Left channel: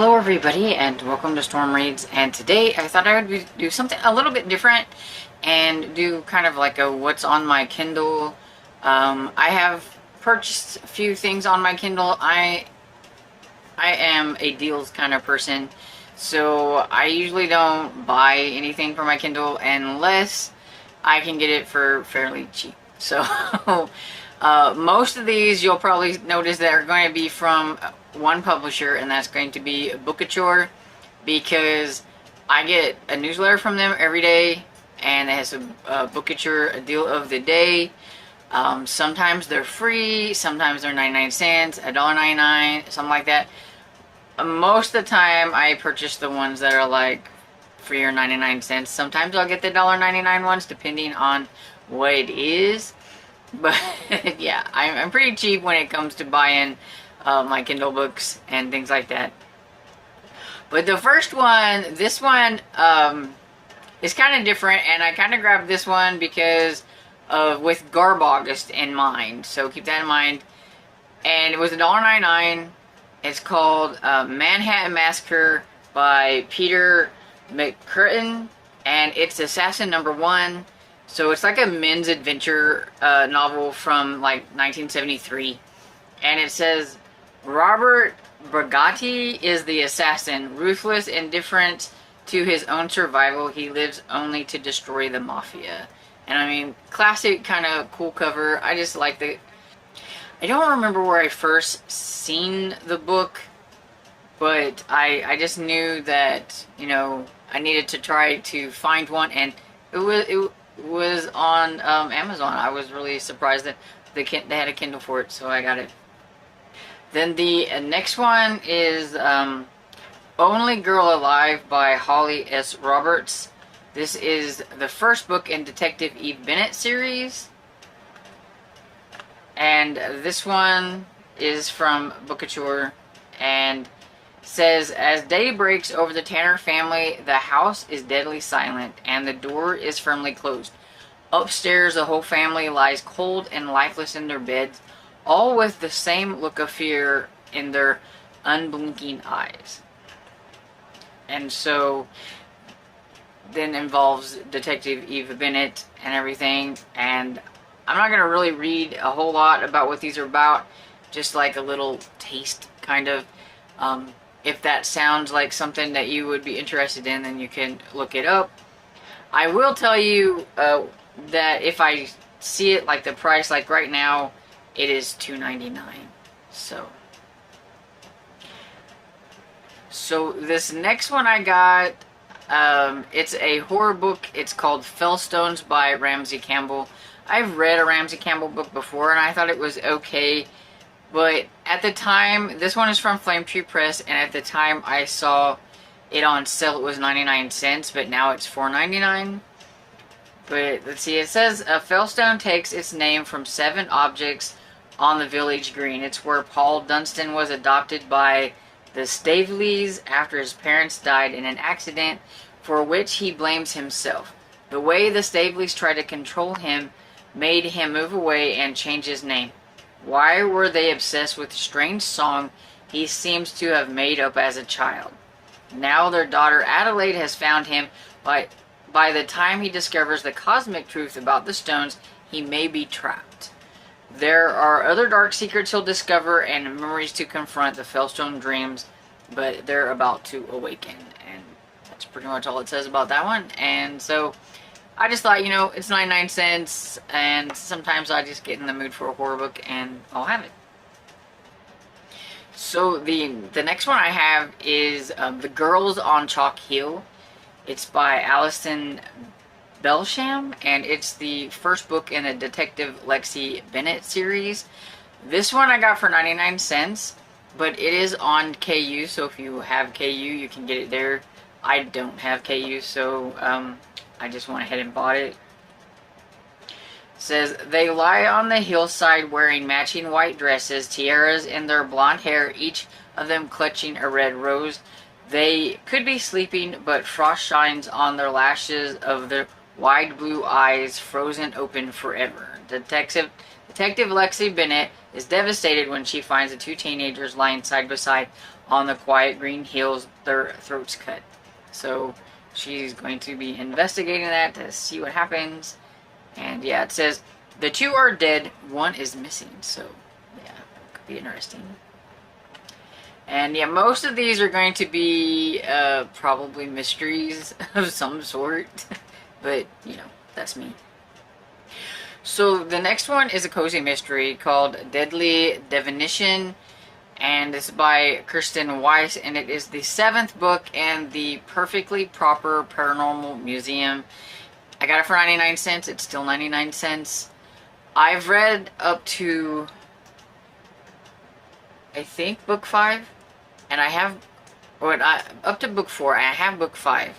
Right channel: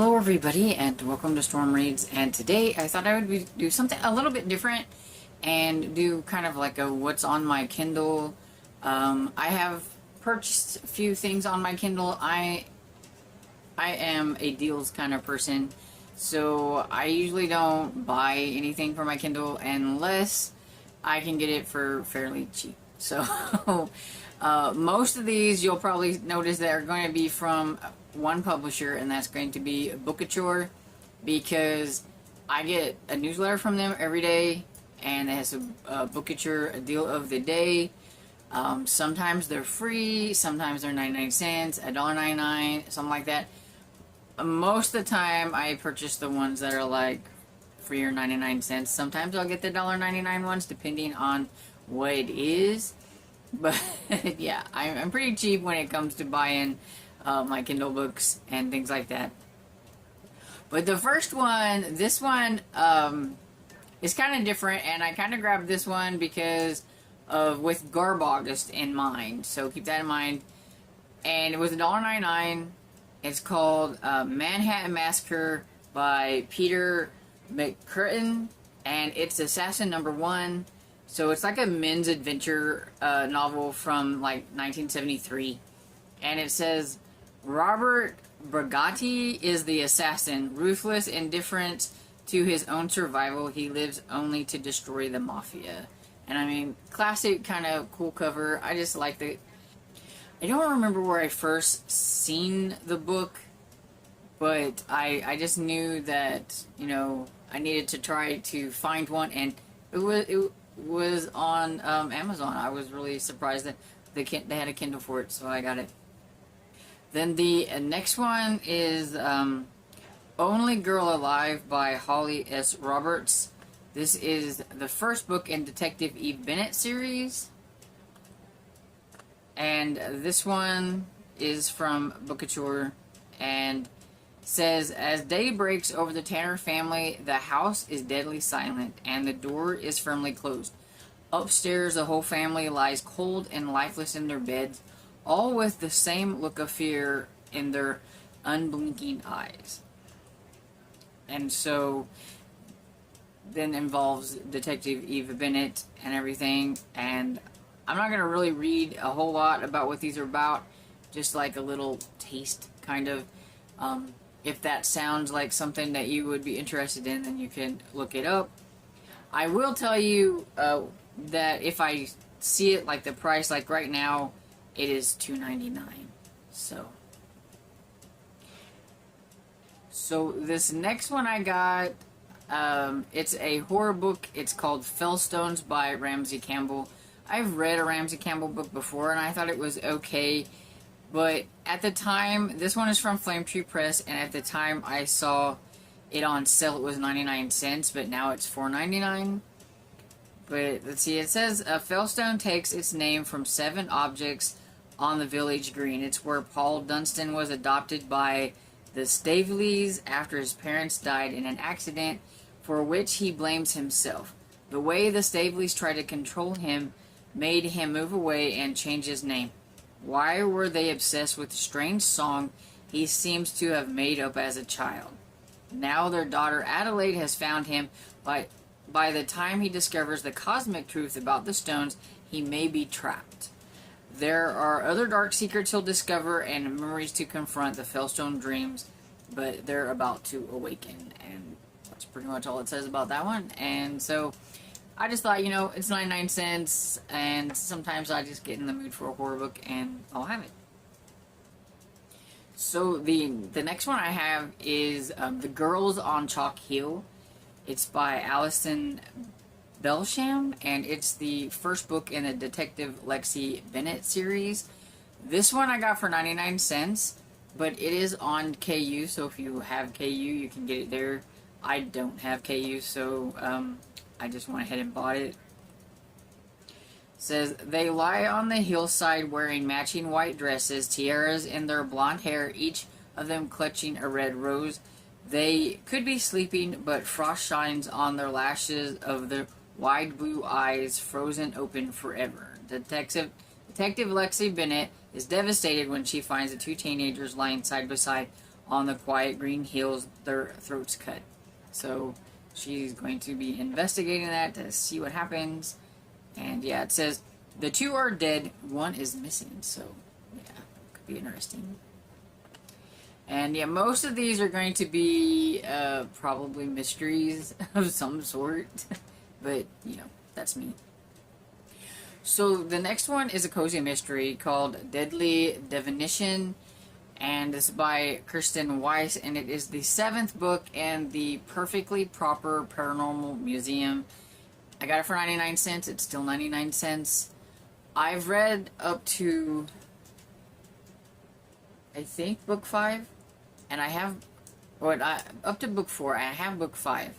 Hello everybody and welcome to Storm Reads, and today I thought I would do something a little bit different and do kind of like a what's on my Kindle. I have purchased a few things on my Kindle. I am a deals kind of person, so I usually don't buy anything for my Kindle unless I can get it for fairly cheap. So most of these you'll probably notice that are going to be from one publisher, and that's going to be Bookachore, because I get a newsletter from them every day, and it has a Bookachore a deal of the day. Sometimes they're free, sometimes they're 99 cents, $1.99, something like that. Most of the time I purchase the ones that are like free or 99 cents. Sometimes I'll get the $1.99 ones depending on what it is. But yeah, I'm pretty cheap when it comes to buying my Kindle books and things like that. But the first one, this one is kind of different, and I kind of grabbed this one because with Garb August in mind. So keep that in mind. And it was $1.99. It's called Manhattan Massacre by Peter McCurtain, and it's Assassin #1. So it's like a men's adventure novel from like 1973. And it says, Robert Brigatti is the assassin. Ruthless, indifferent to his own survival, he lives only to destroy the mafia. And I mean, classic kind of cool cover. I just like the... I don't remember where I first seen the book, but I just knew that, you know, I needed to try to find one, and it was on Amazon. I was really surprised that they had a Kindle for it, so I got it. Then the next one is Only Girl Alive by Holly S. Roberts. This is the first book in Detective Eve Bennett series. And this one is from Bookachore, and says, as day breaks over the Tanner family, the house is deadly silent and the door is firmly closed. Upstairs, the whole family lies cold and lifeless in their beds, all with the same look of fear in their unblinking eyes. And so then involves Detective Eve Bennett and everything, and I'm not going to really read a whole lot about what these are about, just like a little taste, kind of. If that sounds like something that you would be interested in, then you can look it up. I will tell you that if I see it, like the price, like right now, it is $2.99. So this next one I got, it's a horror book. It's called Fellstones by Ramsey Campbell. I've read a Ramsey Campbell book before, and I thought it was okay. But at the time, this one is from Flame Tree Press, and at the time I saw it on sale, it was 99 cents, but now it's $4.99. But let's see, it says, a Fellstone takes its name from 7 objects on the village green. It's where Paul Dunstan was adopted by the Staveleys after his parents died in an accident for which he blames himself. The way the Staveleys tried to control him made him move away and change his name. Why were they obsessed with a strange song he seems to have made up as a child? Now their daughter Adelaide has found him. By the time he discovers the cosmic truth about the stones, he may be trapped. There are other dark secrets he'll discover and memories to confront. The Fellstone dreams, but they're about to awaken. And that's pretty much all it says about that one. And so I just thought, you know, it's 99 cents, and sometimes I just get in the mood for a horror book, and I'll have it. So the next one I have is The Girls on Chalk Hill. It's by Alison Belsham, and it's the first book in the Detective Lexi Bennett series. This one I got for 99 cents, but it is on KU, so if you have KU, you can get it there. I don't have KU, so I just went ahead and bought it. It says, they lie on the hillside wearing matching white dresses, tiaras in their blonde hair, each of them clutching a red rose. They could be sleeping, but frost shines on their lashes of their wide blue eyes, frozen open forever. Detective Lexi Bennett is devastated when she finds the 2 teenagers lying side by side on the quiet green hills, their throats cut. So she's going to be investigating that to see what happens. And yeah, it says the 2 are dead, 1 is missing. So yeah, could be interesting. And yeah, most of these are going to be probably mysteries of some sort. But, you know, that's me. So the next one is a cozy mystery called Deadly Definition. And it's by Kirsten Weiss. And it is the 7th book in the Perfectly Proper Paranormal Museum. I got it for 99 cents. It's still 99 cents. I've read up to, I think, book 5. And I have, up to book 4. I have book 5,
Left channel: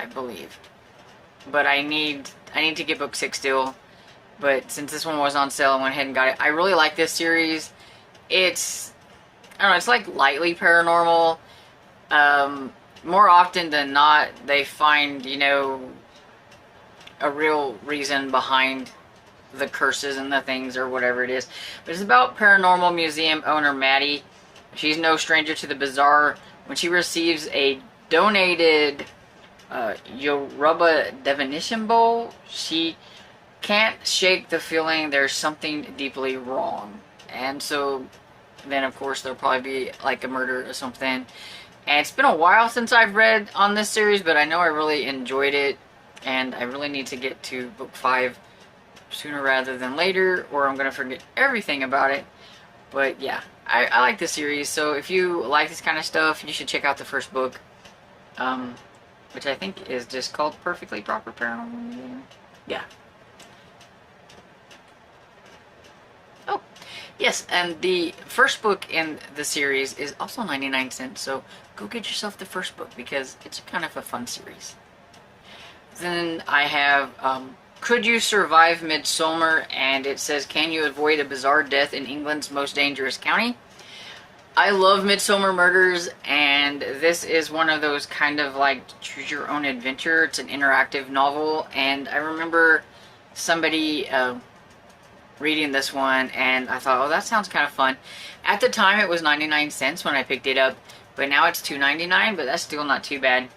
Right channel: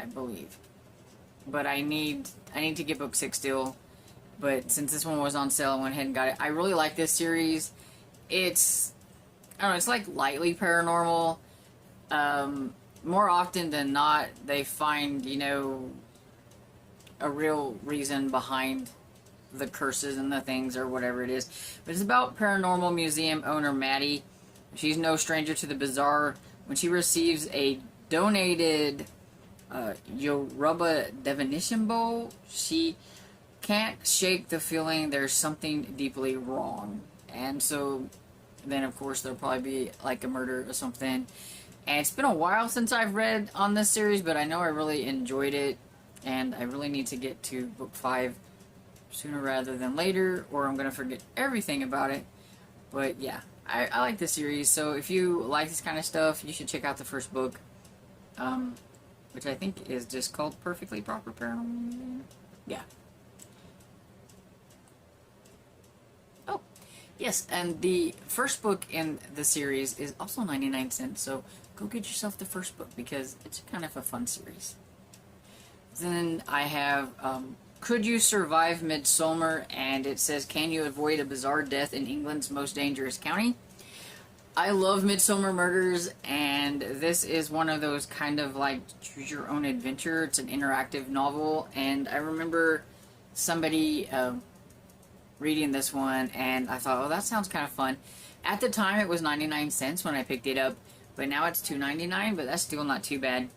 I believe. But I need to get book 6 still. But since this one was on sale, I went ahead and got it. I really like this series. It's, I don't know, it's like lightly paranormal. More often than not, they find, you know, a real reason behind the curses and the things or whatever it is. But it's about paranormal museum owner Maddie. She's no stranger to the bizarre. When she receives a donated Yoruba divination bowl, she can't shake the feeling there's something deeply wrong. And so then of course there'll probably be like a murder or something. And it's been a while since I've read on this series, but I know I really enjoyed it. And I really need to get to book 5 sooner rather than later, or I'm going to forget everything about it. But yeah, I like this series, so if you like this kind of stuff, you should check out the first book, which I think is just called Perfectly Proper Paranormal. Yeah. Oh, yes, and the first book in the series is also 99 cents, so go get yourself the first book, because it's kind of a fun series. Then I have Could You Survive Midsomer? And it says, can you avoid a bizarre death in England's most dangerous county? I love Midsomer Murders, and this is one of those kind of like choose your own adventure. It's an interactive novel, and I remember somebody reading this one, and I thought, oh, that sounds kind of fun. At the time, it was 99 cents when I picked it up, but now it's $2.99, but that's still not too bad.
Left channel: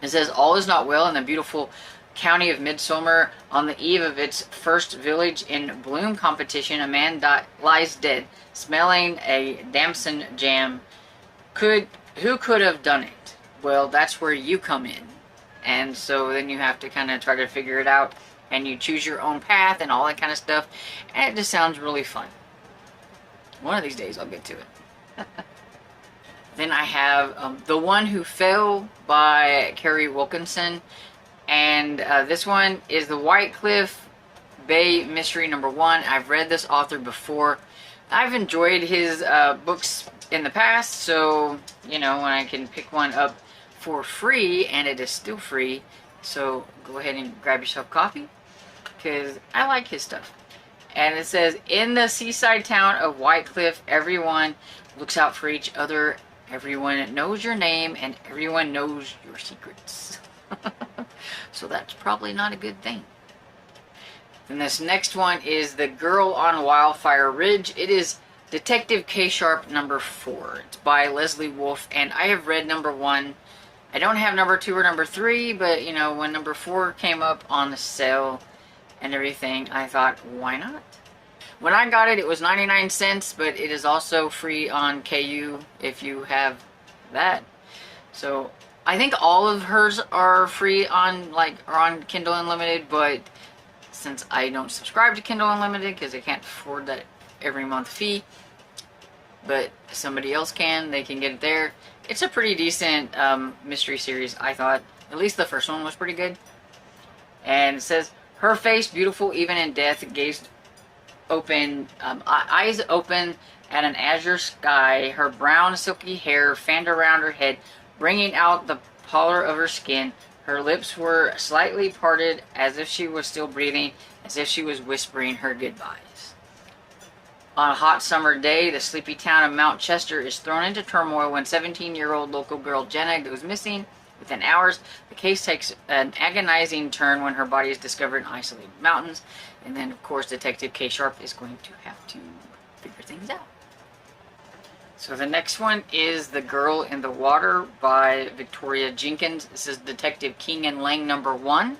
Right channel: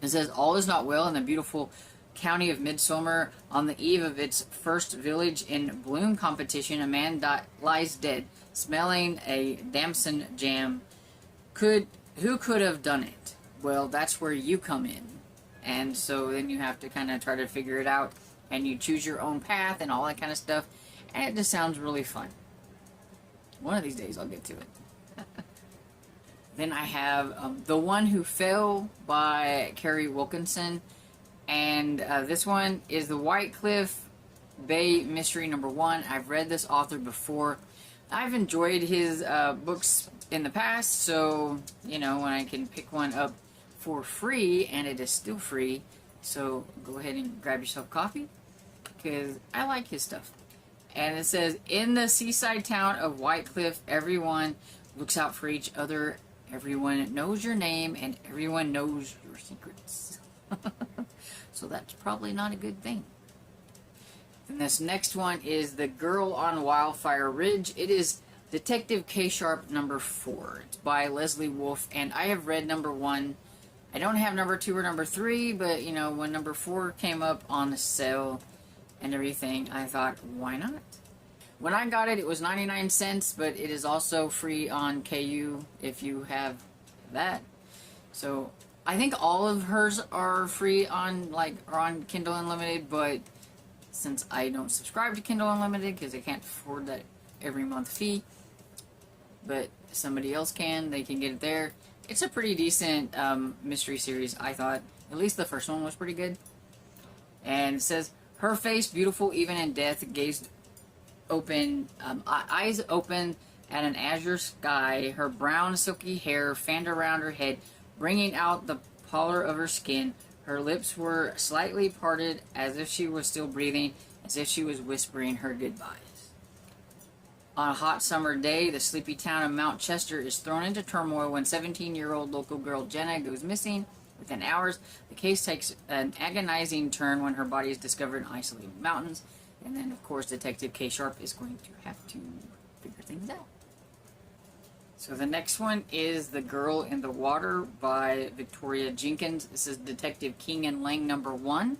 It says, all is not well in the beautiful county of Midsomer. On the eve of its first village in bloom competition, a man lies dead, smelling a damson jam. Who could have done it? Well, that's where you come in. And so then you have to kind of try to figure it out, and you choose your own path and all that kind of stuff, and it just sounds really fun. One of these days I'll get to it. Then I have The One Who Fell by Carrie Wilkinson. And this one is the White Cliff Bay Mystery #1. I've read this author before. I've enjoyed his books in the past, so, you know, when I can pick one up for free, and it is still free, so go ahead and grab yourself a copy, because I like his stuff. And it says, in the seaside town of White Cliff, everyone looks out for each other. Everyone knows your name, and everyone knows your secrets. So that's probably not a good thing. And this next one is The Girl on Wildfire Ridge. It is Detective K Sharp #4. It's by Leslie Wolfe, and I have read #1. I don't have #2 or #3, but, you know, when #4 came up on the sale and everything, I thought, why not? When I got it, it was 99 cents, but it is also free on KU if you have that. So I think all of hers are free on, on Kindle Unlimited, but since I don't subscribe to Kindle Unlimited because I can't afford that every month fee, but somebody else can, they can get it there. It's a pretty decent mystery series, I thought. At least the first one was pretty good. And it says, her face, beautiful even in death, gazed open, eyes open at an azure sky. Her brown silky hair fanned around her head, bringing out the pallor of her skin. Her lips were slightly parted as if she was still breathing, as if she was whispering her goodbyes. On a hot summer day, the sleepy town of Mount Chester is thrown into turmoil when 17-year-old local girl Jenna goes missing. Within hours, the case takes an agonizing turn when her body is discovered in isolated mountains. And then, of course, Detective K Sharp is going to have to figure things out. So the next one is The Girl in the Water by Victoria Jenkins. This is Detective King and Lang #1.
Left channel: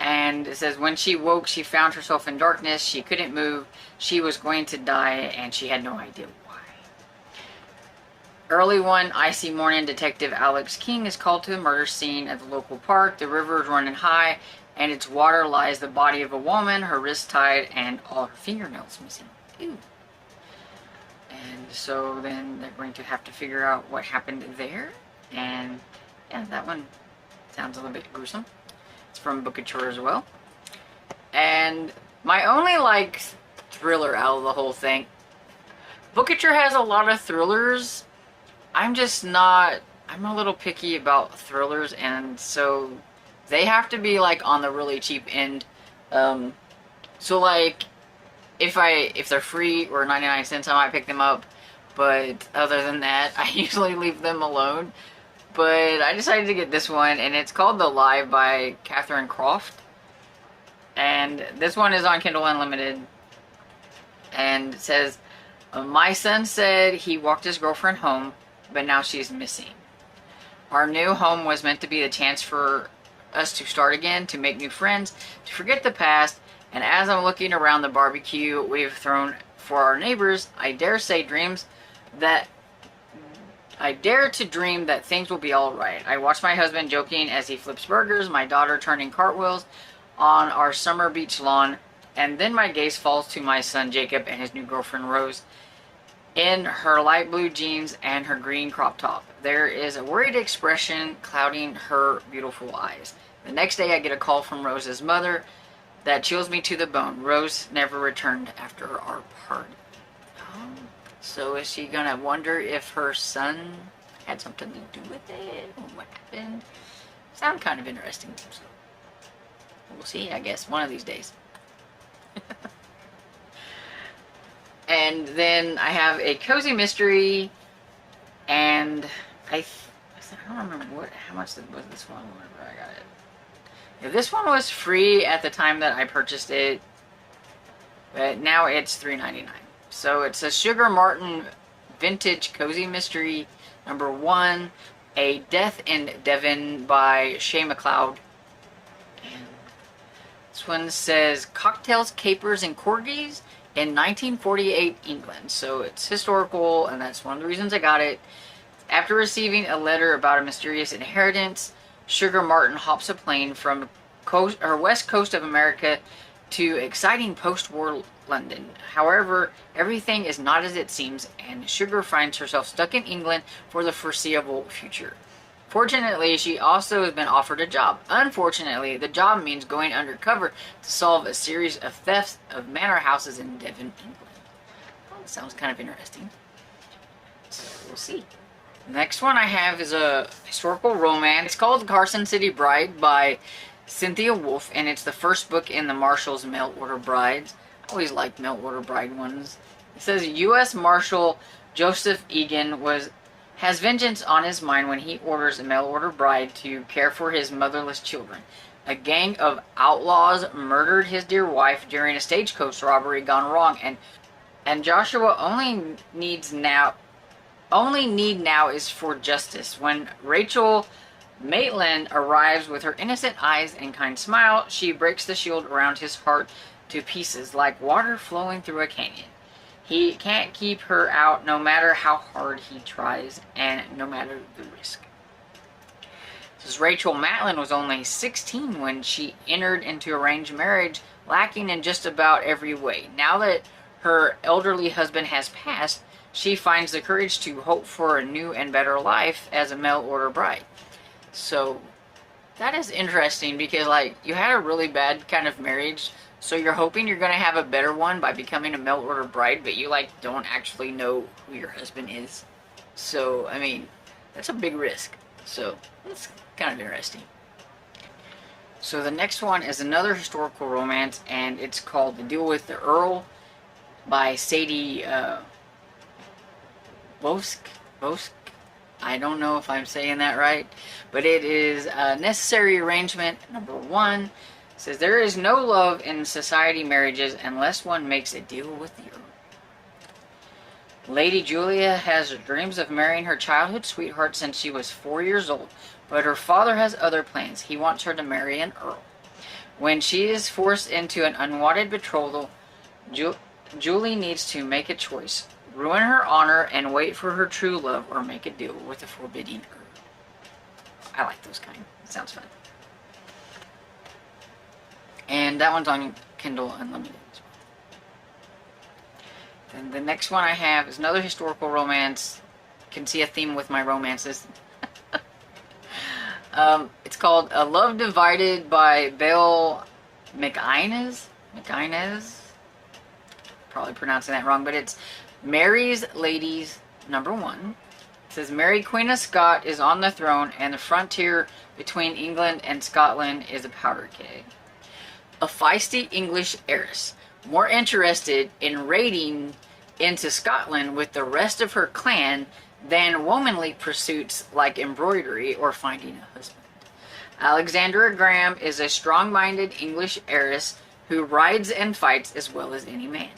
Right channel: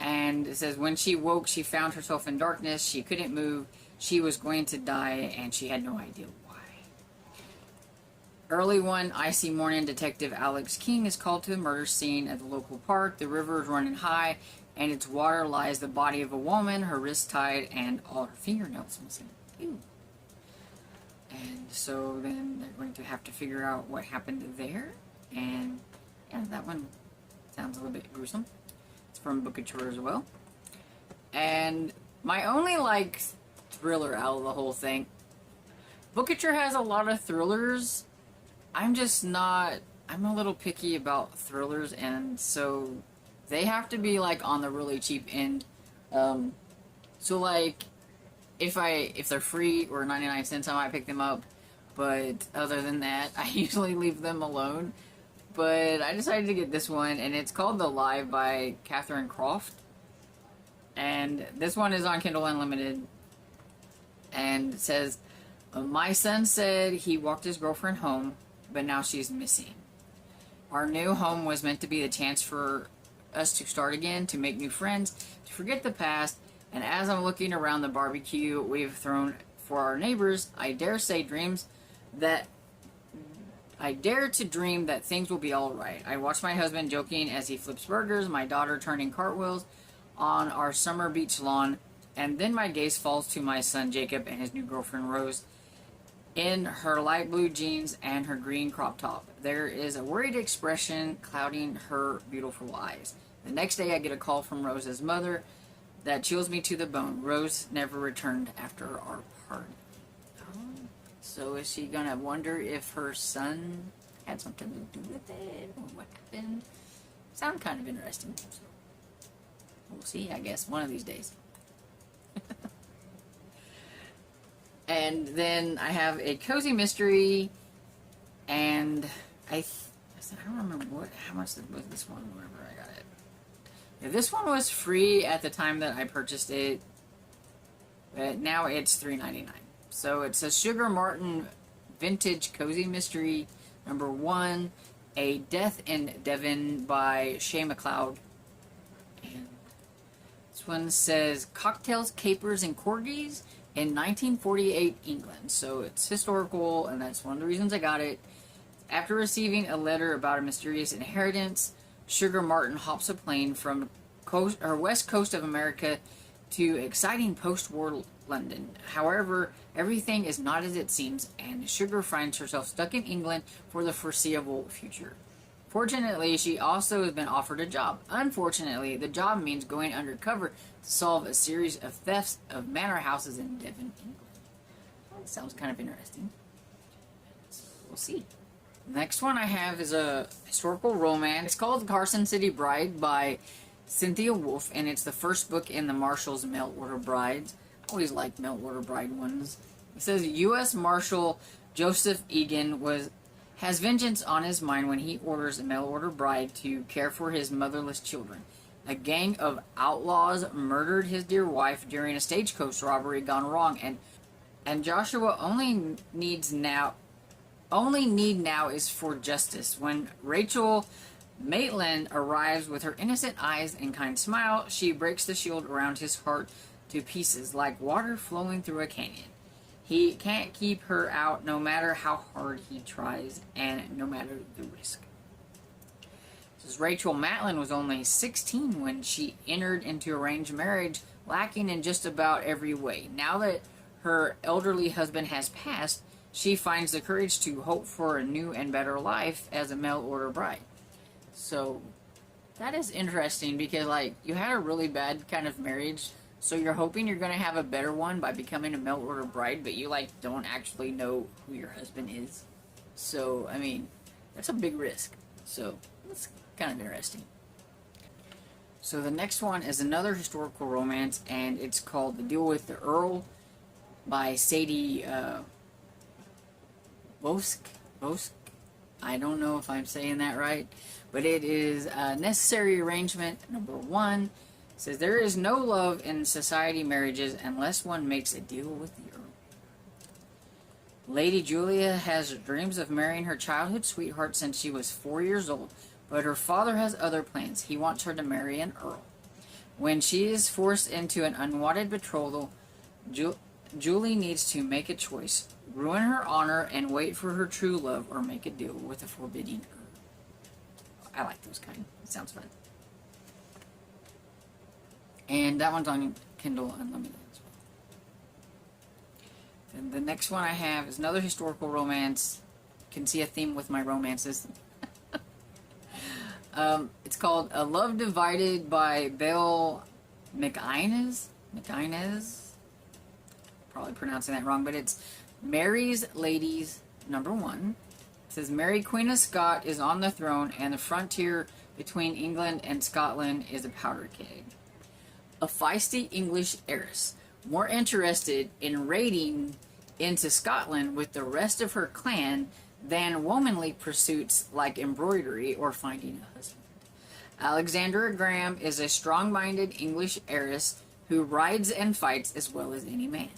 And it says, when she woke, she found herself in darkness. She couldn't move. She was going to die, and she had no idea why. Early one icy morning, Detective Alex King is called to the murder scene at the local park. The river is running high, and its water lies the body of a woman, her wrists tied, and all her fingernails missing. Ew. And so then they're going to have to figure out what happened there. And yeah, that one sounds a little bit gruesome. It's from Bookouture as well. And my only, like, thriller out of the whole thing. Bookouture has a lot of thrillers. I'm just not... I'm a little picky about thrillers, and so they have to be, like, on the really cheap end. So, like, if they're free or 99 cents, I might pick them up. But other than that, I usually leave them alone. But I decided to get this one, and it's called The Lie by Catherine Croft. And this one is on Kindle Unlimited. And it says, my son said he walked his girlfriend home, but now she's missing. Our new home was meant to be the chance for us to start again, to make new friends, to forget the past. And as I'm looking around the barbecue we've thrown for our neighbors, I dare to dream that things will be alright. I watch my husband joking as he flips burgers, my daughter turning cartwheels on our summer beach lawn, and then my gaze falls to my son Jacob and his new girlfriend Rose in her light blue jeans and her green crop top. There is a worried expression clouding her beautiful eyes. The next day I get a call from Rose's mother that chills me to the bone. Rose never returned after our party. So is she gonna wonder if her son had something to do with it, or what happened? Sound kind of interesting. So we'll see, I guess, one of these days. And then I have a cozy mystery, and I don't remember how much was this one whenever I got it. Yeah, this one was free at the time that I purchased it, but now it's $3.99. So it's a Sugar Martin vintage cozy mystery #1, A Death in Devon by Shay McLeod. And this one says cocktails, capers, and corgis in 1948 England. So it's historical, and that's one of the reasons I got it. After receiving a letter about a mysterious inheritance, Sugar Martin hops a plane from west coast of America to exciting post-war London. However, everything is not as it seems, and Sugar finds herself stuck in England for the foreseeable future. Fortunately, she also has been offered a job. Unfortunately, the job means going undercover to solve a series of thefts of manor houses in Devon, England. Well, that sounds kind of interesting. So, we'll see. The next one I have is a historical romance. It's called Carson City Bride by Cynthia Wolfe, and it's the first book in the Marshal's Mail Order Brides. I always liked Mail Order Bride ones. It says U.S. Marshal Joseph Egan has vengeance on his mind when he orders a mail order bride to care for his motherless children. A gang of outlaws murdered his dear wife during a stagecoach robbery gone wrong, and Joshua only need now is for justice. When Rachel Maitland arrives with her innocent eyes and kind smile, she breaks the shield around his heart to pieces like water flowing through a canyon. He can't keep her out no matter how hard he tries and no matter the risk. Says Rachel Maitland was only 16 when she entered into arranged marriage, lacking in just about every way. Now that her elderly husband has passed, she finds the courage to hope for a new and better life as a mail order bride. So that is interesting because, like, you had a really bad kind of marriage, so you're hoping you're going to have a better one by becoming a mail order bride, but you, like, don't actually know who your husband is. So, I mean, that's a big risk. So, that's kind of interesting. So the next one is another historical romance, and it's called The Deal with the Earl by Sadie Bosk. I don't know if I'm saying that right, but it is a necessary arrangement #1. It says there is no love in society marriages unless one makes a deal with the Earl. Lady Julia has dreams of marrying her childhood sweetheart since she was 4 years old, but her father has other plans. He wants her to marry an Earl. When she is forced into an unwanted betrothal, Julie needs to make a choice: ruin her honor and wait for her true love, or make a deal with the forbidding Earl. I like those kind. It sounds fun. And that one's on Kindle Unlimited as well. Then the next one I have is another historical romance. Can see a theme with my romances. It's called A Love Divided by Belle McInnes. Probably pronouncing that wrong, but it's Mary's Ladies #1. It says, Mary, Queen of Scott, is on the throne, and the frontier between England and Scotland is a powder keg. A feisty English heiress, more interested in raiding into Scotland with the rest of her clan than womanly pursuits like embroidery or finding a husband. Alexandra Graham is a strong-minded English heiress who rides and fights as well as any man.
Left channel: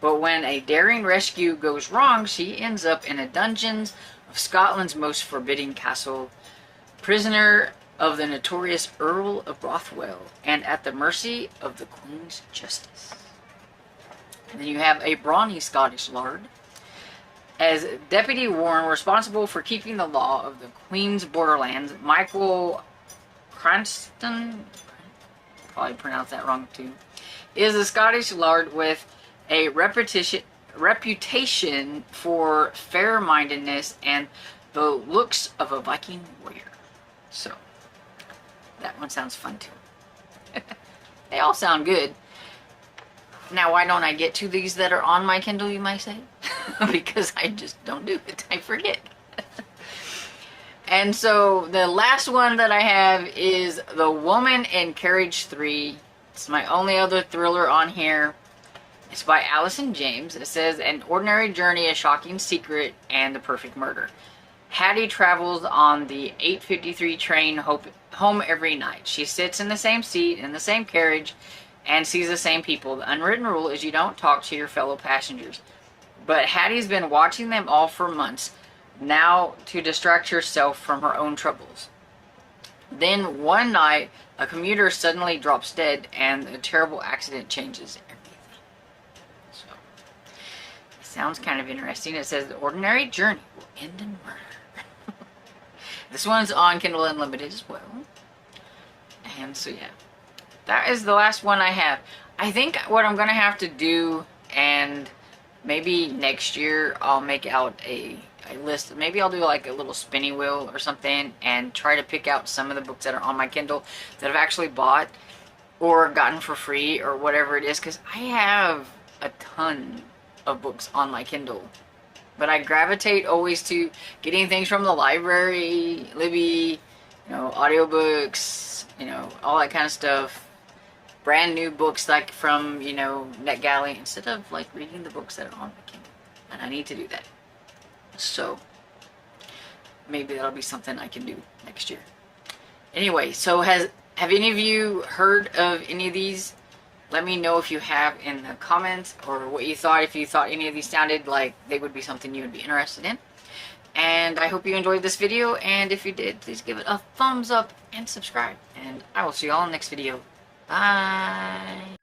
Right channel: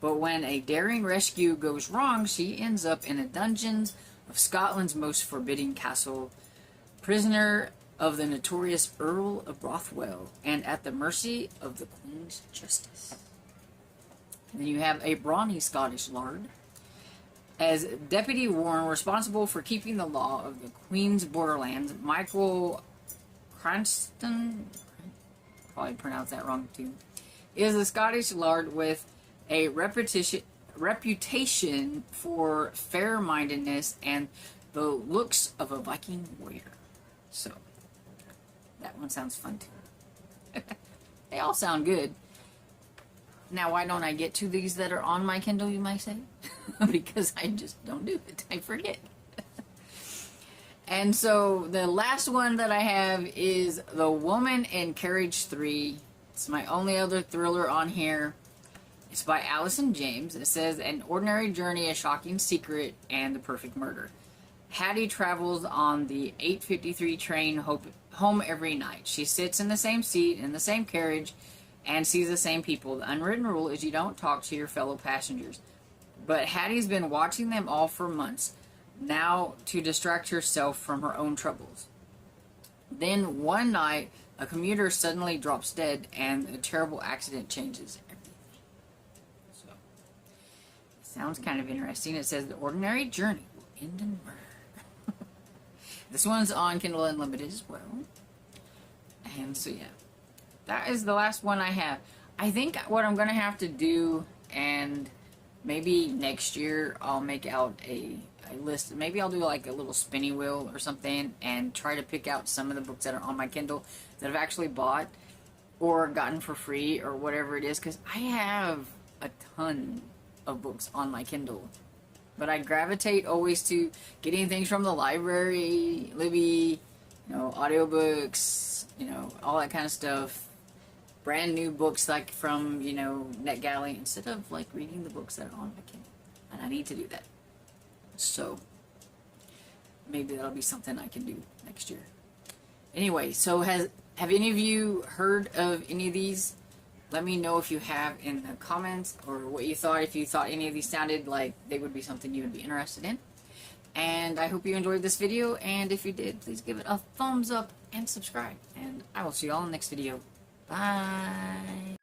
But when a daring rescue goes wrong, she ends up in the dungeons of Scotland's most forbidding castle, prisoner of the notorious Earl of Bothwell, and at the mercy of the Queen's justice. And then you have a brawny Scottish lord. As Deputy Warden responsible for keeping the law of the Queen's borderlands, Michael Cranston, probably pronounced that wrong too, is a Scottish lord with a reputation for fair-mindedness and the looks of a Viking warrior. So, that one sounds fun too. They all sound good. Now, why don't I get to these that are on my Kindle, you might say? Because I just don't do it. I forget. And so, the last one that I have is The Woman in Carriage 3. It's my only other thriller on here. It's by Allison James. It says, An ordinary journey, a shocking secret, and the perfect murder. Hattie travels on the 8:53 train home every night. She sits in the same seat, in the same carriage, and sees the same people. The unwritten rule is you don't talk to your fellow passengers. But Hattie's been watching them all for months, now to distract herself from her own troubles. Then one night, a commuter suddenly drops dead, and a terrible accident changes everything. So, it sounds kind of interesting. It says, the ordinary journey will end in murder. This one's on Kindle Unlimited as well. And so, yeah. That is the last one I have. I think what I'm going to have to do, and maybe next year I'll make out a list. Maybe I'll do like a little spinny wheel or something and try to pick out some of the books that are on my Kindle that I've actually bought or gotten for free or whatever it is. Because I have a ton of books on my Kindle. But I gravitate always to getting things from the library, Libby, audiobooks, all that kind of stuff. Brand new books like from, NetGalley, instead of like reading the books that are on my Kindle. And I need to do that. So, maybe that'll be something I can do next year. Anyway, so have any of you heard of any of these? Let me know if you have in the comments, or what you thought, if you thought any of these sounded like they would be something you would be interested in. And I hope you enjoyed this video, and if you did, please give it a thumbs up and subscribe. And I will see you all in the next video. Bye!